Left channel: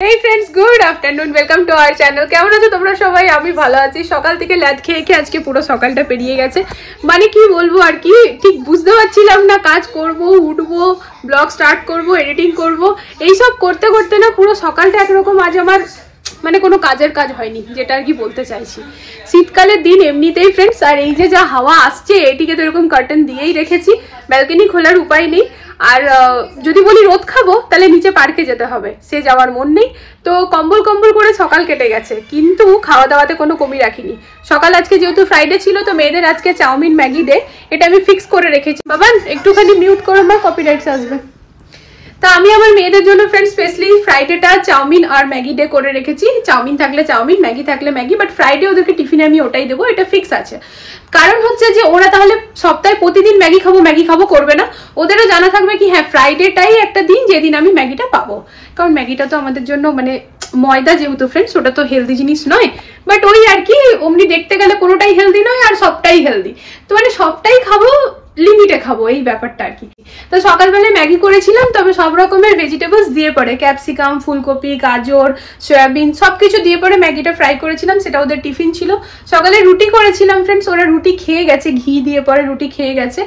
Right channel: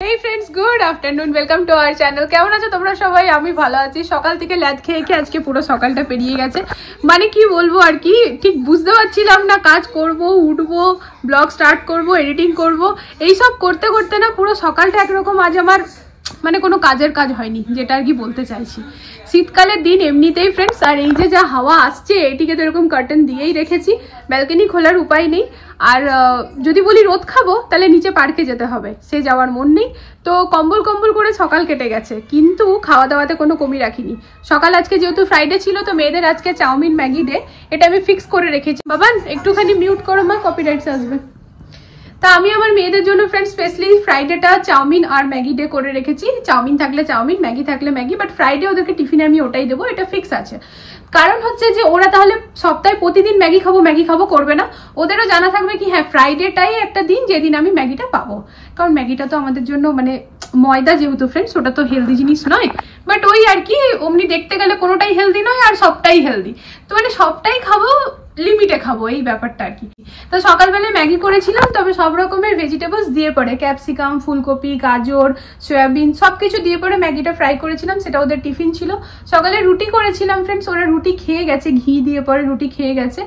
Hey friends, good afternoon. Welcome to our channel. কেমন আছো তোমরা সবাই? আমি ভালো আছি। সকাল থেকে ল্যাদ খেয়ে খেয়ে আজকে পুরো সকালটা পেরিয়ে গেছে। মানে কি বলবো আর কি ঠিক বুঝতে পারছিলাম না, কাজ করব, উঠবো, ব্লগ স্টার্ট করব, এডিটিং করব, এই সব করতে করতে না পুরো সকালটা একরকম আজ আমার মানে কোনো কাজের কাজ হয়নি, যেটা আর কি বলতে চাইছি। শীতকালের দিন এমনিতেই ফ্রেন্ডস, আর এই যে যা হাওয়া আসছে এটিকে তো এরকম কার্টেন দিয়েই রেখেছি, ব্যালকনি খোলার উপায় নেই। আর যদি বলি রোদ খাবো তাহলে নিচে পার্কে যেতে হবে, সে যাওয়ার মন নেই। তো কম্বল কম্বল করে সকাল কেটে গেছে, কিন্তু খাওয়া দাওয়াতে কোনো কমি রাখিনি। সকাল আজকে যেহেতু ফ্রাইডে ছিল, তো মেয়েদের আজকে চাউমিন ম্যাগি ডে, এটা আমি ফিক্স করে রেখেছি। বাবা একটুখানি মিউট করো, মা কপিরাইটস আসবে। তো আমি আমার মেয়েদের জন্য ফ্রেন্ডস স্পেশালি ফ্রাইডেটা চাউমিন আর ম্যাগি ডে করে রেখেছি। চাউমিন থাকলে চাউমিন, ম্যাগি থাকলে ম্যাগি, বাট ফ্রাইডে ওদেরকে টিফিনে আমি ওটাই দেবো, এটা ফিক্স আছে। কারণ হচ্ছে যে ওরা তাহলে সপ্তাহে প্রতিদিন ম্যাগি খাবো করবে না। ওদেরও জানা থাকবে কি হ্যাঁ ফ্রাইডেটাই একটা দিন যেদিন আমি ম্যাগিটা পাবো। কারণ ম্যাগিটা তো আমাদের জন্য মানে ময়দা যেহেতু ফ্রেন্ডস, ওটা তো হেলদি জিনিস নয়, বাট ওই আর কি অমনি দেখতে গেলে কোনোটাই হেলদি নয় আর সবটাই হেলদি। তো মানে সবটাই খাবো, লিমিটে খাবো, এই ব্যাপারটা আর কি। তো সকালবেলায় ম্যাগি করেছিলাম, তবে সব রকমের ভেজিটেবলস দিয়ে পরে, ক্যাপসিকাম, ফুলকপি, গাজর, সয়াবিন সবকিছু দিয়ে পরে ম্যাগিটা ফ্রাই করেছিলাম, সেটা ওদের টিফিন ছিল। সকালে রুটি করেছিলাম ফ্রেন্ডস, ওরা রুটি খেয়ে গেছে, ঘি দিয়ে পরে রুটি খেয়ে গেছে,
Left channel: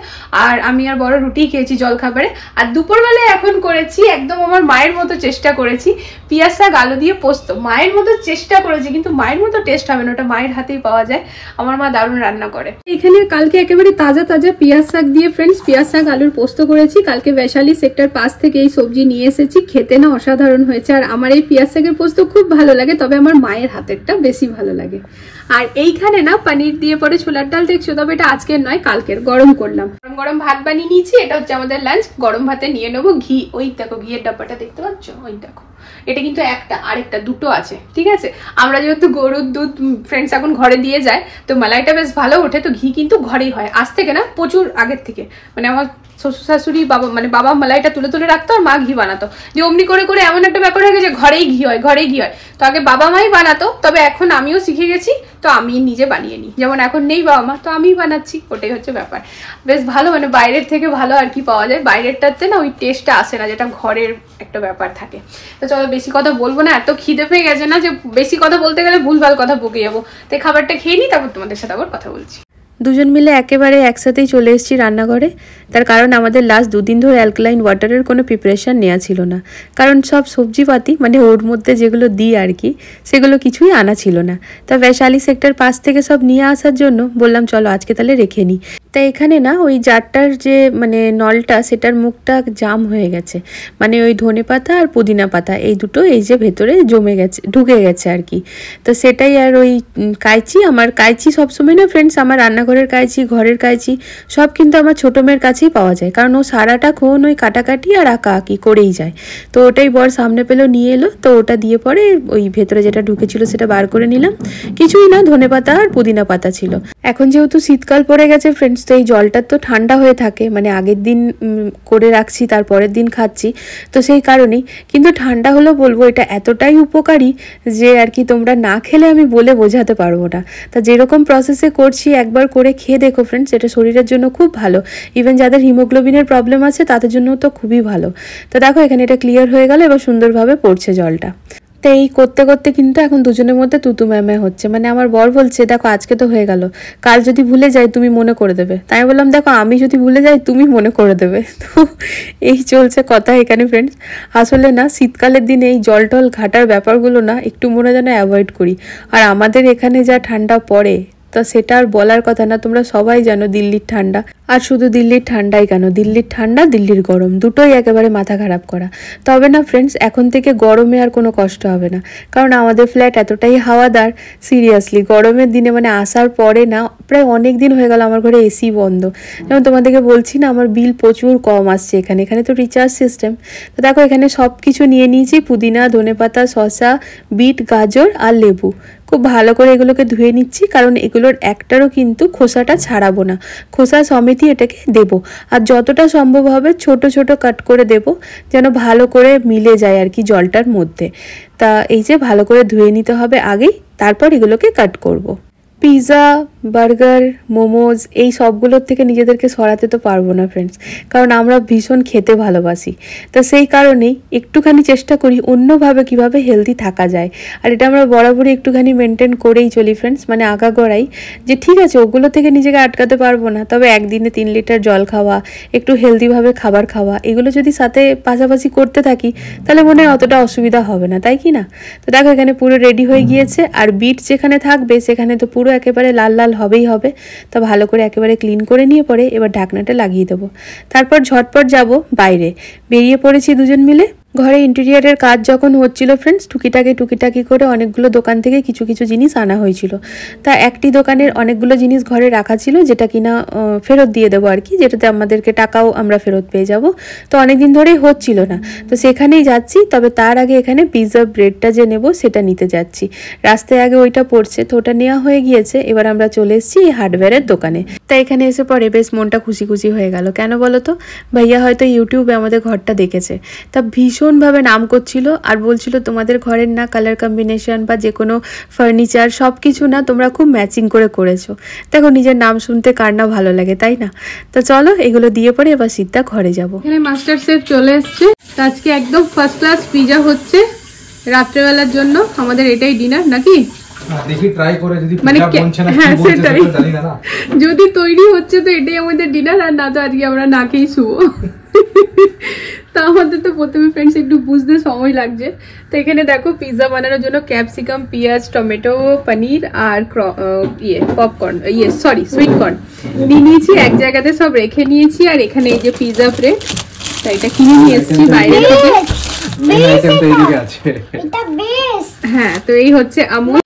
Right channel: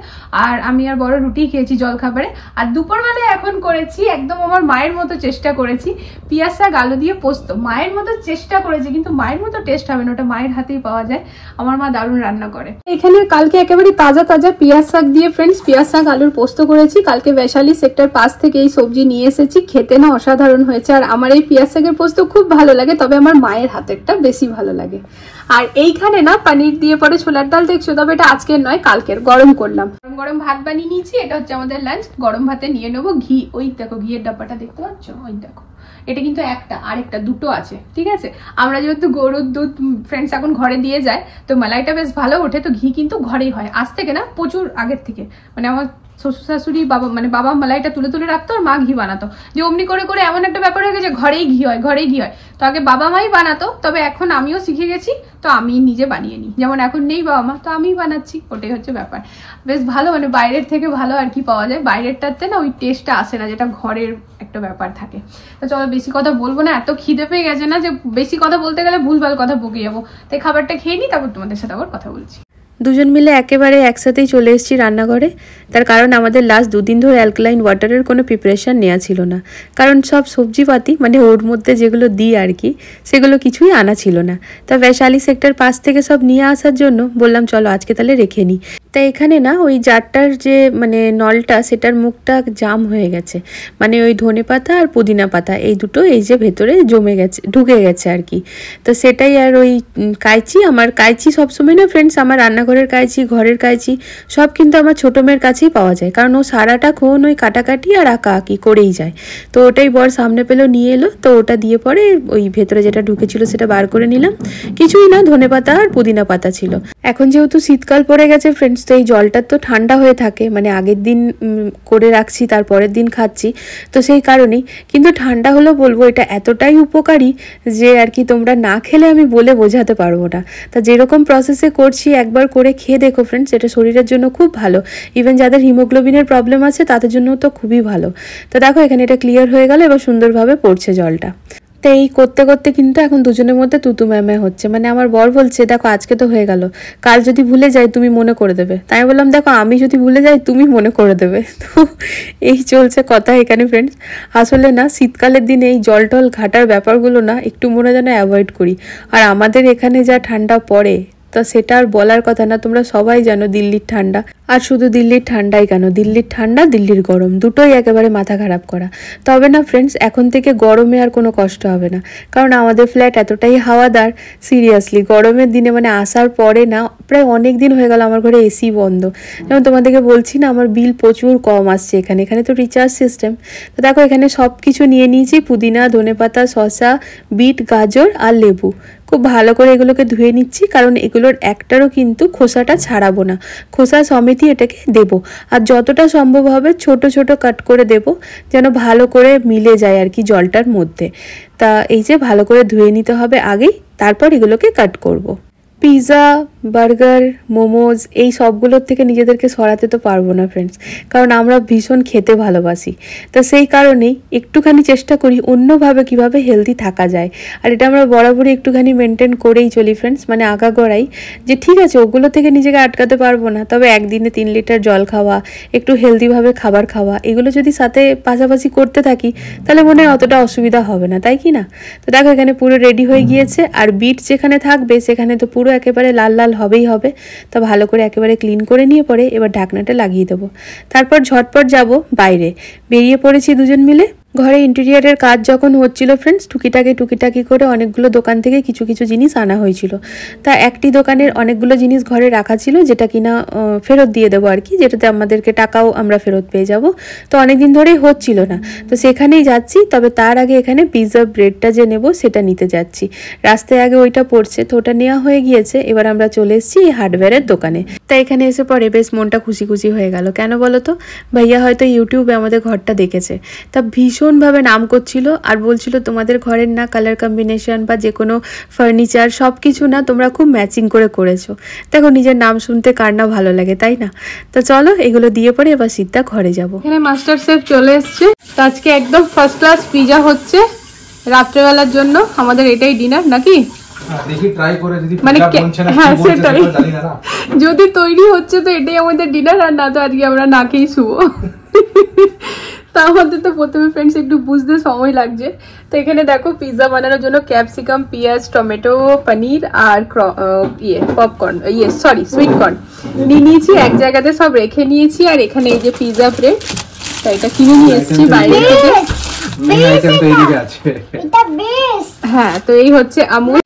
আর আমি আর বড় রুটি খেয়েছি জল খাবারে। আর দুপুরবেলায় এখন করেছি একদম আমার মায়ের মতো চেষ্টা করেছি, পিঁয়াজ শাক আলু দিয়ে পোস্ত। মায়ের মতো চেষ্টা করেছি, কিন্তু মায়ের মতো টেস্ট হবে না, ওটা মায়ের হাতেই পাওয়া যায়। আমার মা দারুণ রান্না করে। এখানে কালকে একেবারে তাজা তাজা পিঁয়াজ শাক দিয়ে ফ্রেন্ডস পিঁয়াজ শাক আলুর পোস্ত করেছি। কালকে বৈশালী সেক্টর 5 থেকে এই সবজি নিয়ে এসেছি, খেতে না অসাধারণ হয়েছে। আর আমার এই পিঁয়াজ শাকের পোস্ত খুব ভালো লাগে, তবে আমার মায়ের হাতেরটা বেশি ভালো লাগে। আর এইখানে না পনির দিয়ে পরে ছোলার ডাল দেখছো, তবে এটা আজকের নয় কালকের, গরম করলাম। গরম গরম ভাত বানিয়ে নিয়েছি, এটা হচ্ছে আমাদের লাঞ্চ। গরম ভাতে নিয়ে নেবো ঘি, ওই দেখো ঘিয়ের ডাব্বাটা দেখতে পাচ্ছ, ওই দেখো। এটা কিন্তু একটা, আরেকটা দুটো আছে, ঠিক আছে। আমরা যেহেতু গরুর দুধ ফ্রেন্ডস এখন ঘরে দিয়ে যায়, তো মালাইটা বেশ ভালো ওঠে, তো ঘি কিন্তু ঘরেই হয় আজ থেকে না, প্রচুর আগের থেকে। মানে আমার শ্বশুর শাশুড়ি বাবা মালাইটা তুলে তুলে রাখতো, আর মা ঘি বানাতো, যে অমনি করে করে এমন একটা ব্যাপার হয়ে গেছে ঘরেই ঘি হয়, ঘরেই ঘি হয়। তো আগে বাবা মাই বানাতো, তবে এখন আমিও শিখে গেছি, তো আমি নিজে বানিয়ে নিই। যেমন এখন নেই বাবা মা, তো আমিই বানাচ্ছি, ওটাই হচ্ছে ব্যাপার। বেশ ভালো, মানে বাইরের থেকে ভালো আর কি পাওয়া যায়। বাইরেরটাতে না ওই টেস্টটা আসে না, যেটা ঘরের একটা ব্যাপার থাকে। তো চলো বেশি কথা বলবো না, এত খিদে পেয়ে গেছে না যে বেশি কথা বলতে গেলে ভুলভাল কথা বকে যাবো। তো খাবারটা খেয়ে নিই, তারপর তোমাদের সাথে আবার কথা বলছি। দুজন মিলে একেবারে একসাথেই চলে এসেছি রান্নাঘরে। তার কারণ আমাদের লাস্ট 2 দিন ধরে অ্যালকালাইন ওয়াটারের কোনো প্রিপারেশান নেওয়া ছিল না, কারণ সব সবজিপাতি মানে ওর মধ্যে যেগুলো দিই আর কি, সেগুলো কিছুই আনা ছিল না। তা বৈশালী সেক্টর 5 থেকে সব নিয়ে আসার জন্য বললাম চলো আজকে তাহলে রেখে নিই। তাই এখানে না ওই জারটার যে মানে নলটা, সেটার মুখটা জাম হয়ে গেছে, মানে ওই ধনে পাতা আর পুদিনা পাতা এই দুটো এই যে ভেতরে জমে গেছে, ঢুকে গেছে আর কি। তো সেটাই, আর ওই কাঁচি, আমার কাঁচি সবসময় না ফ্রেন্ডস, আমার রান্নাঘরের কাঁচি, ঘরের কাঁচি সব কিন্তু আমার ছোটো মেয়ের কাছেই পাওয়া যায়, কারণ ও সারাটাক্ষণ ওই কাটাকাটি আর আঁকি করেই যায়। তো ওটাই বর সামনে পেলো, নিয়ে এলো, তো ওটা দিয়ে পরে ওই ভেতরে যেটা ঢুকেছিল সেটা বার করে নিলাম। কিছুই না, ধনে পাতা আর পুদিনা পাতা ছিল। এখন যেহেতু শীতকাল পড়ে গেছে ফ্রেন্ডস, তো এই জলটা তো ঠান্ডা হয়ে থাকে, মানে আগের দিন করে রাখছি তারপরের দিন খাচ্ছি, তো সেই কারণেই। কিন্তু ঠান্ডা হলেও বলবো এটা এতটাই উপকারী যে আর কি তোমরা না খেলে আমি বলে বোঝাতে পারবো না। তা যেরকম প্রসেসে করছি একবার করে খেয়ে দেখো ফ্রেন্ডস, এটা শরীরের জন্য খুব ভালো। ইভেন যাদের হিমোগ্লোবিনের প্রবলেম আছে তাদের জন্য তো খুবই ভালো। তো দেখো এখানে এটা ক্লিয়ার হয়ে গেল, এবার সুন্দরভাবে পড়ছে জলটা। তো এই করতে করতে কিন্তু এখন দুজনের মধ্যে তুতু ম্যামে হচ্ছে। মানে আমার বর বলছে দেখো আজকে তো হয়ে গেল, কাল যদি ভুলে যাই তুমি মনে করে দেবে। তাই আমি বললাম দেখো আমি যদি ভুলে যাই তুমি মনে করে দেবে। তো এই চলছে কথা এখানে ফ্রেন্ডস। আসলে না শীতকালের দিনে এই জল টল ঘাটার ব্যাপারগুলো না একটু মনে যেন অ্যাভয়েড করি। আর আমাদের এখানে যা ঠান্ডা পড়ে, তা সেটা আর বলার কথা না, তোমরা সবাই জানো দিল্লির ঠান্ডা। আর শুধু দিল্লির ঠান্ডাই কেন, দিল্লির ঠান্ডা দিল্লির গরম দুটোই একেবারে মাথা খারাপ করা। তবে না ফ্রেন্ডস এখন থেকে গরমে আর কোনো কষ্ট হবে না, কারণ আমাদের ফ্ল্যাট এতটাই হাওয়াদার, সিরিয়াসলি গরমের দিনে মানে আসার পরে না প্রায় অনেক দিন হয়ে গেল আমার ঘরে এসি বন্ধ। যেমন তোমাদেরকে বলছি না আমার বিল প্রচুর কম আসছে এখানে তো রিচার্জ সিস্টেম। তো দেখো এখানে সব কিছু নিয়ে নিয়েছি, পুদিনা, ধনেপাতা, শসা, বিট, গাজর আর লেবু। খুব ভালো করে এগুলোকে ধুয়ে নিচ্ছি, কারণ এগুলোর একটারও কিন্তু খোসাটা ছাড়াবো না, খোসা সমেতই এটাকে দেব। আর যতটা সম্ভব হবে ছোট ছোট কাট করে দেব, যেন ভালো করে মিলে যায় আর কি জলটার মধ্যে। তা এই যে ভালো করে ধুয়ে নিতে হবে আগেই, তারপর এগুলোকে কাট করব। পিৎজা, বার্গার, মোমোজ এই সবগুলোর থেকে নিজেদেরকে সরাতে তো পারবো না ফ্রেন্ডস, কারণ আমরা ভীষণ খেতে ভালোবাসি। তো সেই কারণেই একটুখানি চেষ্টা করি অন্যভাবে কিভাবে হেলদি থাকা যায়। আর এটা আমরা বরাবরই একটুখানি মেনটেন করেই চলি ফ্রেন্ডস, মানে আগাগোড়াই যে ঠিক আছে ওগুলো থেকে নিজেকে আটকাতে পারবো না, তবে একদিনে 3 লিটার জল খাওয়া, একটু হেলদিভাবে খাবার খাওয়া, এগুলো যদি সাথে পাশাপাশি করতে থাকি তাহলে মনে হয় অতটা অসুবিধা হবে না, তাই কি না? তো দেখো এখানে পুরো রেডি হয়ে গিয়েছে। আর বিট যেখানে থাকবে সেখানে তো পুরো একেবারে লাল লাল হবেই হবে। তো ভালো করে একেবারে ক্লিন করে নিয়ে পরে এবার ঢাকনাটা লাগিয়ে দেবো। তারপর ঝটপট যাব বাইরে, বেরিয়ে পড়েছি দুজন মিলে। ঘরে ইন্টেরিয়ারের কাজ যখন হচ্ছিল ফ্রেন্ডস, টুকিটাকি করে অনেকগুলো দোকান থেকে কিছু কিছু জিনিস আনা হয়েছিল। তা একটি দোকানের অনেকগুলো জিনিস ঘরে রাখা ছিল যেটা কিনা ফেরত দিয়ে দেবো আর কি, যেটাতে আমাদেরকে টাকাও আমরা ফেরত পেয়ে যাব। তো অনেকদিন ধরেই হচ্ছিল না, তো সেখানেই যাচ্ছি। তবে তার আগে এখানে পিৎজা ব্রেডটা যে নেব সেটা নিতে যাচ্ছি। রাস্তায় আগে ওইটা পড়ছে, তো ওটা নেওয়া হয়ে গিয়েছে। এবার আমরা চলে এসেছি এই হার্ডওয়্যারের দোকানে। তাই এখানে এসে পরে বেশ মনটা খুশি খুশি হয়ে গেল। কেন বলো তো, ভাইয়া হয়তো ইউটিউবে আমাদের ঘরটা দেখেছে, তা ভীষণভাবে নাম করছিল আর বলছিল তোমাদের ঘরের না কালার কম্বিনেশন বা যে কোনো ফার্নিচার সব কিছু না তোমরা খুব ম্যাচিং করে করেছো। দেখো নিজের নাম শুনতে কার না ভালো লাগে, তাই না? তো চলো এগুলো দিয়ে পরে এবার সিদ্ধা ঘরে যাবো। এখানে মাস্টার শেফ চলে এসছে। আজকে একদম ফার্স্ট ক্লাস পিৎজা হচ্ছে রাত্রেবেলার জন্য। আমাদের এটাই ডিনার নাকি? মানে হ্যাঁ সেটাই, যদি তৈরি হচ্ছে তো এটাই আমাদের ডিনার, আর না তো আজকে আমরা না খেয়েই শুবো। তা আমাদের তো প্রথমে ফ্রেন্ডস একটু বুঝতে সময় লাগছে। তো এখানে দেখো পিৎজা বানানোর জন্য ক্যাপসিকাম, পেঁয়াজ, টমেটো, পনির আর পপকর্ন সুইট কর্ন নিয়ে নিয়েছি। এক জায়গাতে সব রেখে নিয়েছি। আর এখানে এই যে পিৎজা ব্রেড, তাই এটা কিনে নিয়ে এসেছি বাইরে থেকে। হ্যাঁ, তো এই হচ্ছে আমুল।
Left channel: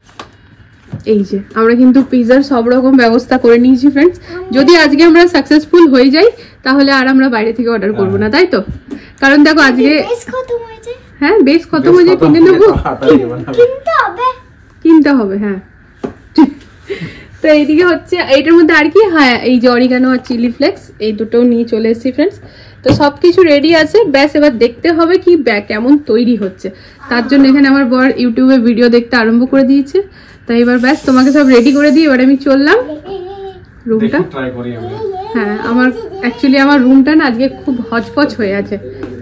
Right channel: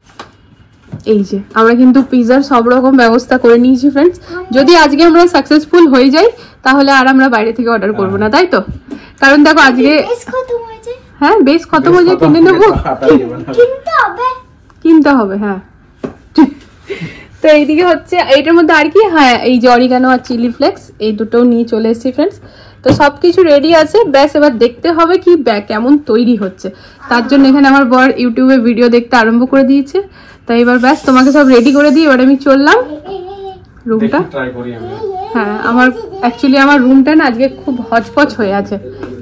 এই যে আমরা কিন্তু পিৎজার সব রকম ব্যবস্থা করে নিয়েছি ফ্রেন্ডস। যদি আজকে আমরা সাকসেসফুল হয়ে যাই তাহলে আর আমরা বাইরে থেকে অর্ডার করবো না, তাই তো? কারণ দেখো আজকে হ্যাঁ বেশ খতম হয়ে যায়, কিনে নেবো, কিনতে হবে। হ্যাঁ, তো এইদিকে হচ্ছে এইটার মধ্যে আর কি, হ্যাঁ এই যে অরিগানো আর চিলি ফ্লেক্স এই দুটো নিয়ে চলে এসেছি ফ্রেন্ডস। তো সবকিছু রেডি আছে, ব্যাস এবার দেখতে হবে কি কেমন তৈরি হচ্ছে। তার জন্য এখানে আমার বর ইউটিউবে ভিডিও দেখতে আরম্ভ করে দিয়েছে। তাই এবার ব্যাস তোমাকে সব রেডি করে দিই। এবার আমি চললাম রুমটা। হ্যাঁ, আমার অ্যাকচুয়ালি আমার রুমটা না আজকে খুব হচপচ হয়ে আছে,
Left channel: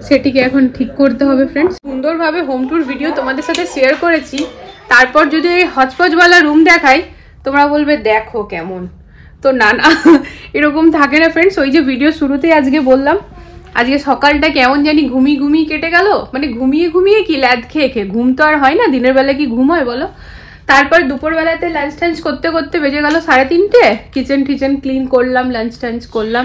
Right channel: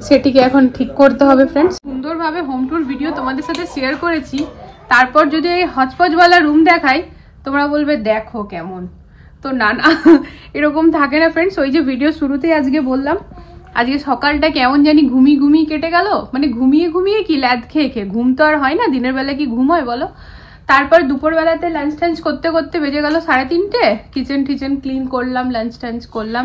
সেটিকে এখন ঠিক করতে হবে ফ্রেন্ডস। সুন্দরভাবে হোম ট্যুর ভিডিও তোমাদের সাথে শেয়ার করেছি, তারপর যদি এই হচপচওয়ালা রুম দেখাই তোমরা বলবে দেখো কেমন। তো না না, এরকম থাকে না ফ্রেন্ডস। ওই যে ভিডিও শুরুতেই আজকে বললাম, আজকে সকালটা কেমন জানি ঘুমিয়ে কেটে গেল। মানে ঘুমিয়ে কি ল্যাদ খেয়ে ঘুম তো আর হয় না, দিনের বেলা কি ঘুম হয় বলো? তারপর দুপুরবেলাতে লাঞ্চ টাঞ্চ করতে করতে বেজে গেল 3:30। কিচেন ক্লিন করলাম, লাঞ্চ টাঞ্চ করলাম।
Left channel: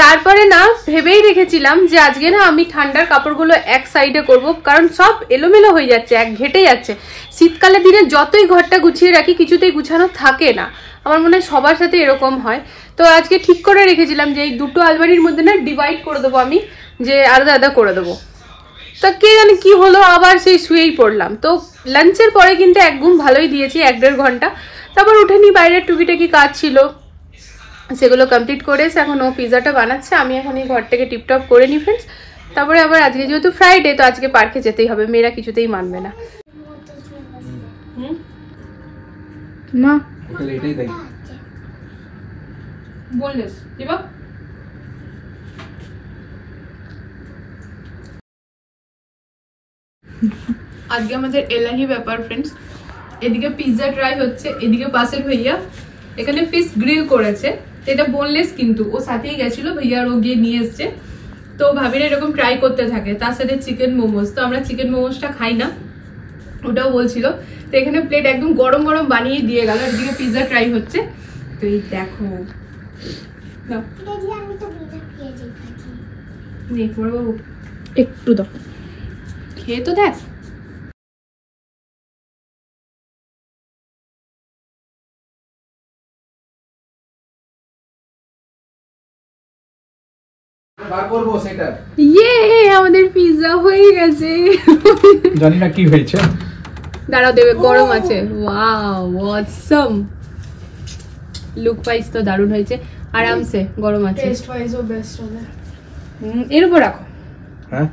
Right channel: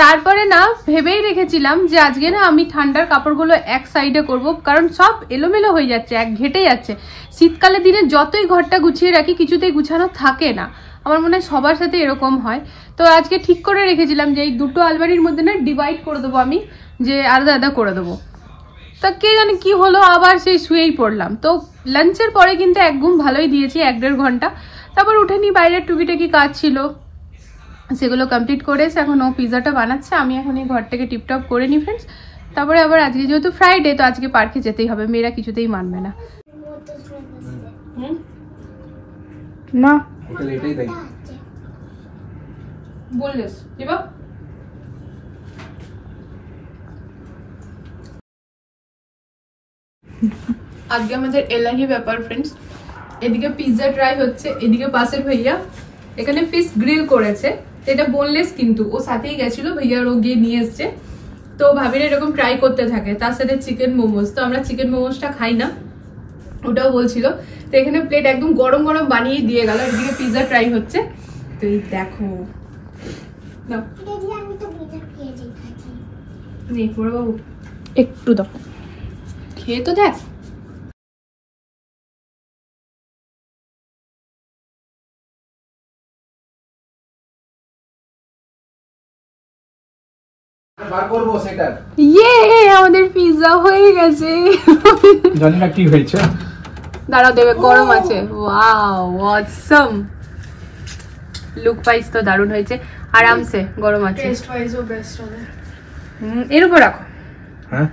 তারপরে না ভেবেই রেখেছিলাম যে আজকে না আমি ঠান্ডার কাপড়গুলো এক সাইডে করব, কারণ সব এলোমেলো হয়ে যাচ্ছে, এক ঘেটে যাচ্ছে। শীতকালে দিনে যতই ঘরটা গুছিয়ে রাখি কিছুতেই গুছানো থাকে না। আমার মনে হয় সবার সাথে এরকম হয়। তো আজকে ঠিক করে রেখেছিলাম যে এই দুটো আলমারির মধ্যে না ডিভাইড করে দেবো আমি, যে আলাদা করে দেবো। তা কে জানে কি হলো, আবার সেই শুয়েই পড়লাম। তো লাঞ্চের পরে কিন্তু এক ঘুম ভালোই দিয়েছি, 1-1.5 ঘন্টা। তারপর উঠে নি, বাইরের টুকিটাকি কাজ ছিল সেগুলো কমপ্লিট করে এখন ও পিৎজাটা বানাচ্ছে। আমি এখন এই ঘরটাকে টিপটপ করে নি ফ্রেন্ডস। তারপরে আবার আজকে যেহেতু ফ্রাইডে, তো আজকে পার্কে যেতেই হবে, মেয়েরা কিছুতেই মানবে না। মা বললিস আজকে আমাদের এলাহি ব্যাপার ফ্রেন্ডস। এদিকে পিৎজা ট্রাই হচ্ছে, এদিকে পাশের ভাইয়া এখানে ফিশ গ্রিল করেছে। এটা বোনলেস, কিন্তু ও সাথেই গেছিল, ভাইয়ার ও গিয়ে নিয়ে এসছে। তো ভাবিরা এরকম ট্রাই করতে থাকে। তার সাথে চিকেন মোমোস, তো আমরা চিকেন মোমোসটা খাই না, ওটাও বলছিল। তো এখানে প্লেট একদম গরম গরম বানিয়ে দিয়ে গেল। এদিকে পিৎজা ট্রাই হচ্ছে। তো এই দেখো বাবু একটু দাও, খেয়ে তো দেখ। আমাদের পিৎজা হয়ে গেছে। জানি না কি হয়েছে, দাঁড়াও দেবে, গরম আছে। ওয়াও অসম, লুক ওয়াইজ তো দারুণ হয়েছে, আরামসে গরম আছে। টেস্ট ওয়াইজও বেস্ট হবে। এর উপর রাখো। হ্যাঁ,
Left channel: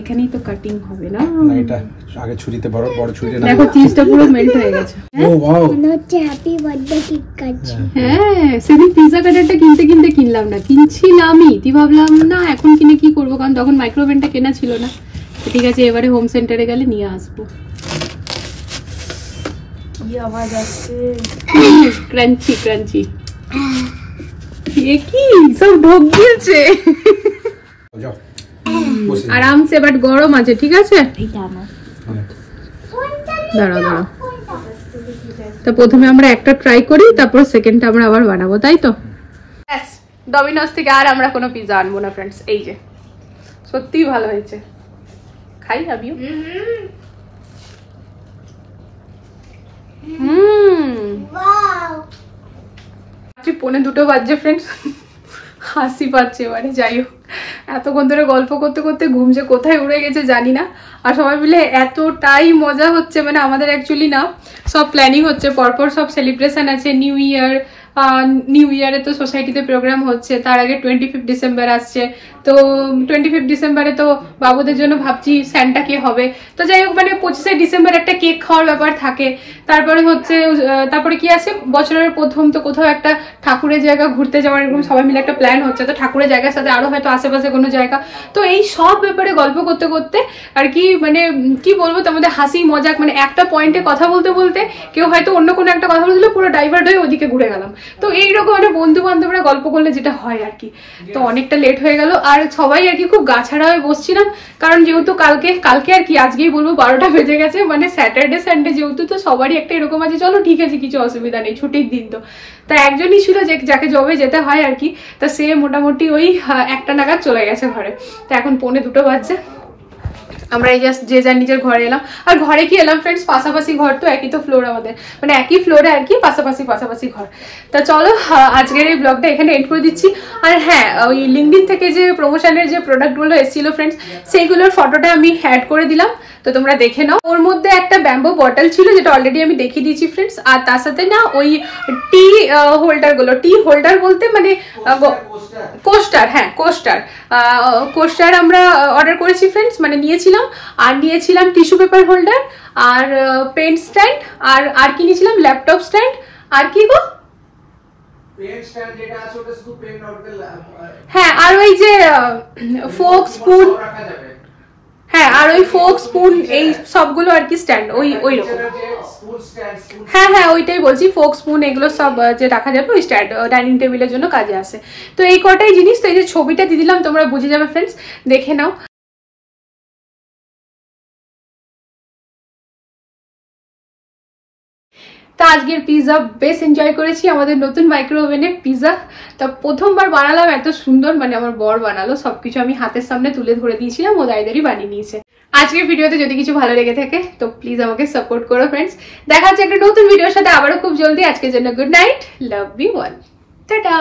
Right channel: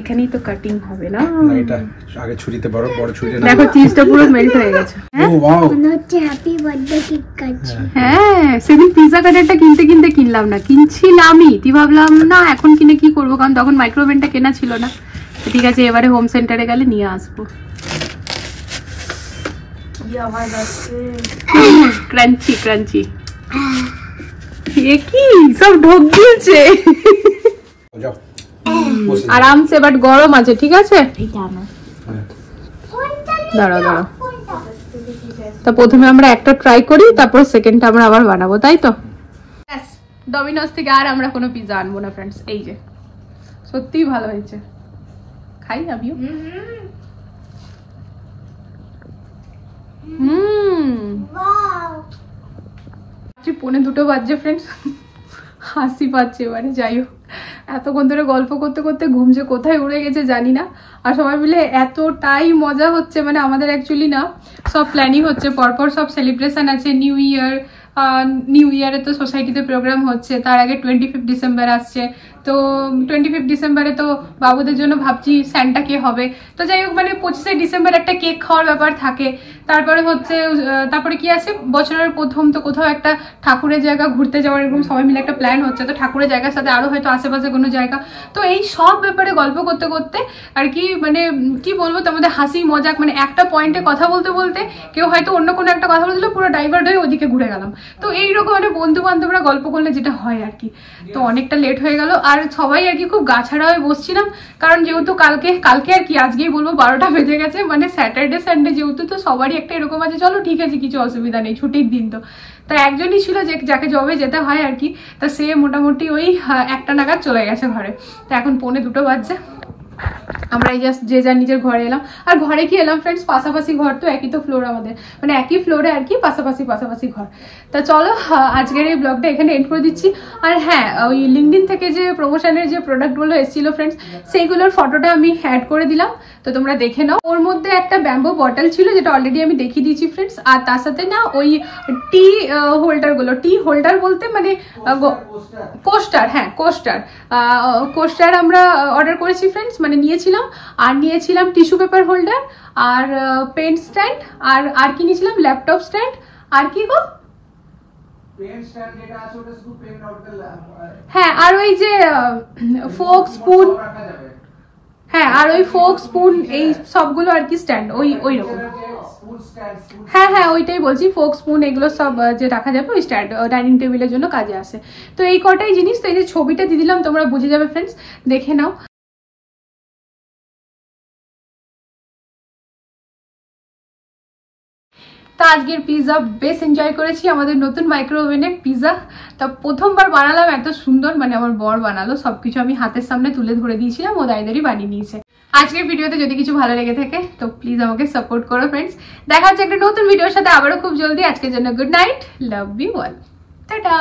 এখানেই তো কাটিং হবে না, এটা আগে ছুরিতে বড় ছুরি না। দেখো চিজটা পুরো মেল্ট হয়ে গেছে। ও ওয়াও, হ্যাপি বার্থডে কেক কাটছি। হ্যাঁ সেদিন পিজা কাটারটা কিনতে কিনলাম না, কিনছিলামই, তুই ভাবলাম না এখন কিনে কি করবো, কারণ তখন মাইক্রোওভেনটা কেনা ছিল না। ঠিক আছে এবারে হোম সেন্টারে গেলে নিয়ে আসবো। ক্রাঞ্চি ক্রাঞ্চি এ কি সব ঢোক দিয়েছে যাও আরামসে, বাট গরম আছে। ঠিক আছে হ্যাঁ। দাঁড়াও দাঁড়াও, তা প্রথমে আমরা একটা ট্রাই করি, তারপর সেকেন্ডটা আমরা আবার বানাবো, তাই তো? ডমিনোস থেকে আর আমরা কোনো পিজা আনবো না ফ্রেন্ডস। এই যে সত্যিই ভালো হয়েছে, খাই আমিও। পৌনে 2 বাজছে ফ্রেন্ডস, হাসি পাচ্ছে এবারে। যাই হোক, এতক্ষণ ধরে গল্প করতে করতে ঘুম যে কোথায় উড়ে গেছে জানি না। আর সবাই মিলে এতটাই মজা হচ্ছে, মানে আমাদের অ্যাকচুয়ালি না সব প্ল্যানিং হচ্ছে, পরপর সব সেলিব্রেশন আছে। নিউ ইয়ারে তো সোসাইটিতে প্রোগ্রাম হচ্ছে, তার আগে 25 ডিসেম্বর আসছে। তো 25 ডিসেম্বরে তো বাবুদের জন্য ভাবছি স্যান্টা কে হবে। তো যাই হোক, মানে 25 ডিসেম্বর একটা কেক খাওয়ার ব্যাপার থাকে। তারপরে হচ্ছে তারপরে কি আছে, বছরের প্রথম তো কোথাও একটা ঠাকুরের জায়গা ঘুরতে যাওয়ার এরকম সবাই মিলে একটা প্ল্যান হচ্ছে। তো ঠাকুরের জায়গার সাথে আরো হয়তো আশেপাশে কোনো জায়গা। তো এই সব ব্যাপারে গল্প করতে করতে আর কি, মানে কি বলবো তোমাদের, হাসি মজাক, মানে একটা পয়েন্টে কথা বলতে বলতে কেউ হয়তো অন্য কোনো একটা কথা বলছিল, পুরো ডাইভার্ট হয়ে ওদিকে ঘুরে গেলাম। তো এইরকম মানে বন্ধু বান্ধবরা গল্প করলে যেটা হয় আর কি। তো অনেকটা লেট হয়ে গেল, আর সবাই আর কি খুব গাছাড়া হয়ে বসছিলাম, কারণ যেহেতু কালকে আর কি আজকেই বলবো 12টা বেজে গেছে, মানে স্যাটারডে সানডে যেহেতু, তো সবারই একটা এরকম আছে চলো ঠিক আছে কিছু অসুবিধা নেই, ছুটির দিন। তো তা একজনই ছিল যাকে জবে যেতে হয় আর কি। তা সে মোটামুটি ওই 1টা নাগাদ চলে গেছে ঘরে। তো এখন 1:45 বাজছে, আমরা এই জাস্ট যে যার নিজের ঘরে এলাম। আর ঘরে কি এলাম ফ্রেন্ডস, পাশাপাশি ঘর, তো একই তো ফ্লোর আমাদের, মানে একই ফ্লোরে আর কি, পাশাপাশি ঘর। তা চলো আজকের এই ব্লগটা এখানে এন্ড করে দিচ্ছি। আর হ্যাঁ, ওই লিঙ্কডিন থেকে যে প্রমোশনের যে প্রোডাক্টগুলো এসেছিল ফ্রেন্ডস, সেইগুলোর ফটোটা আমি অ্যাড করে দিলাম, তো তোমরা দেখে নাও। ওর মধ্যে একটা ব্যাম্বো বটল ছিল, যেটা অলরেডি আমি দেখিয়ে দিয়েছি ফ্রেন্ডস। আর তার সাথে না ওই টি হোল্ডার বলতে মানে কোস্টার, হ্যাঁ কোস্টার আমরা অর্ডার করেছি ফ্রেন্ডস, মানে নিয়েছিলাম। আর নিয়েছিলাম টিস্যু পেপার হোল্ডার, আর পেন স্ট্যান্ড, আর কি নিয়েছিলাম, ল্যাপটপ স্ট্যান্ড, আর কি গো, হ্যাঁ আর ওই যে ফোক স্পুন, হ্যাঁ আর ওই ফোক স্পুন, এই সবগুলো আর কি স্ট্যান্ড ওই রকম। হ্যাঁ ওইটাই বলছি, ফোক স্পুন এগুলো সব যে রাখা যাবে ওই স্ট্যান্ড, ডাইনিং টেবিলের জন্য কাজে আসে। তো এই কটাই জিনিস। তো এই যে ছবিটা দিয়ে দিলাম, তোমরা বুঝে যাবে ফ্রেন্ডস, দেখে নাও। তা আজকের পিজা বেশ এনজয় করেছি, আমাদের নতুন মাইক্রো ওভেনে পিজা। তা প্রথমবার বানালাম এত সুন্দর, মানে আমার বর বানালো, সবকিছু আমি হাতের সামনে তুলে ধরে দিয়েছিলাম, ও দায়দারি বানিয়ে নিয়েছে। আজকের ভিডিওতে যদি কিছু ভালো লেগে থাকে তো প্লিজ আমাকে সাপোর্ট করো ফ্রেন্ডস। দেখা হচ্ছে একটা নতুন ভিডিওর সাথে আবারও খুব জলদি। আজকের জন্য good night, love you all, tata.